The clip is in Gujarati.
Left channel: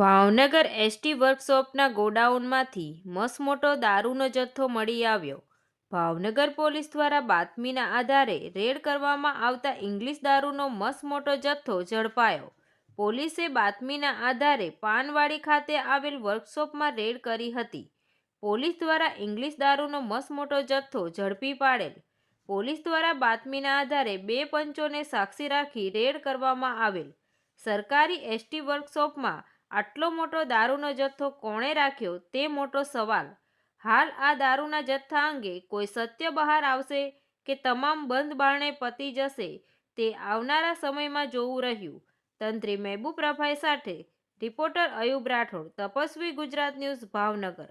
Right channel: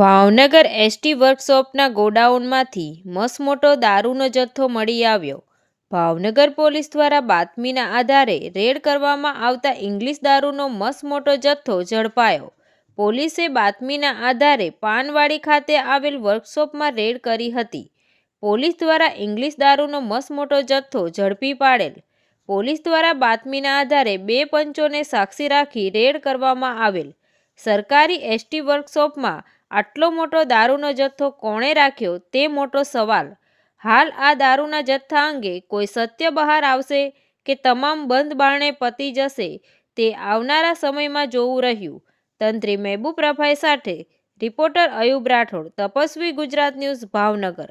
ભાવનગર એસટી વર્કશોપના ગોડાઉનમાંથી મસમોટો દારૂનો જથ્થો મળી આવ્યો. ભાવનગર પોલીસ દ્વારા બાતમીના આધારે રેડ કરવામાં આવતા ઇંગ્લિશ દારૂનો મસમોટો જથ્થો ઝડપાયો. પોલીસે બાતમીના આધારે પાનવાડી ખાતે આવેલ વર્કશોપમાં રેડ કરી હતી. પોલીસ દ્વારા ઇંગ્લિશ દારૂનો મસમોટો જથ્થો ઝડપી પાડેલ. પોલીસ દ્વારા બાતમીના આધારે બે પંચોને સાક્ષી રાખી રેડ કરવામાં આવેલ. સરકારી એસટી વર્કશોપમાં આટલો મોટો દારૂનો જથ્થો કોણે રાખ્યો તે મોટો સવાલ. હાલ આ દારૂના જથ્થા અંગે કોઈ સત્ય બહાર આવશે કે તમામ બંધ બારણે પતી જશે તે આવનારા સમયમાં જોવું રહ્યું. તંત્રી મહેબૂબ રફાઈ સાથે રિપોર્ટર અયુબ રાઠોડ, તપસ્વી ગુજરાત ન્યૂઝ ભાવનગર.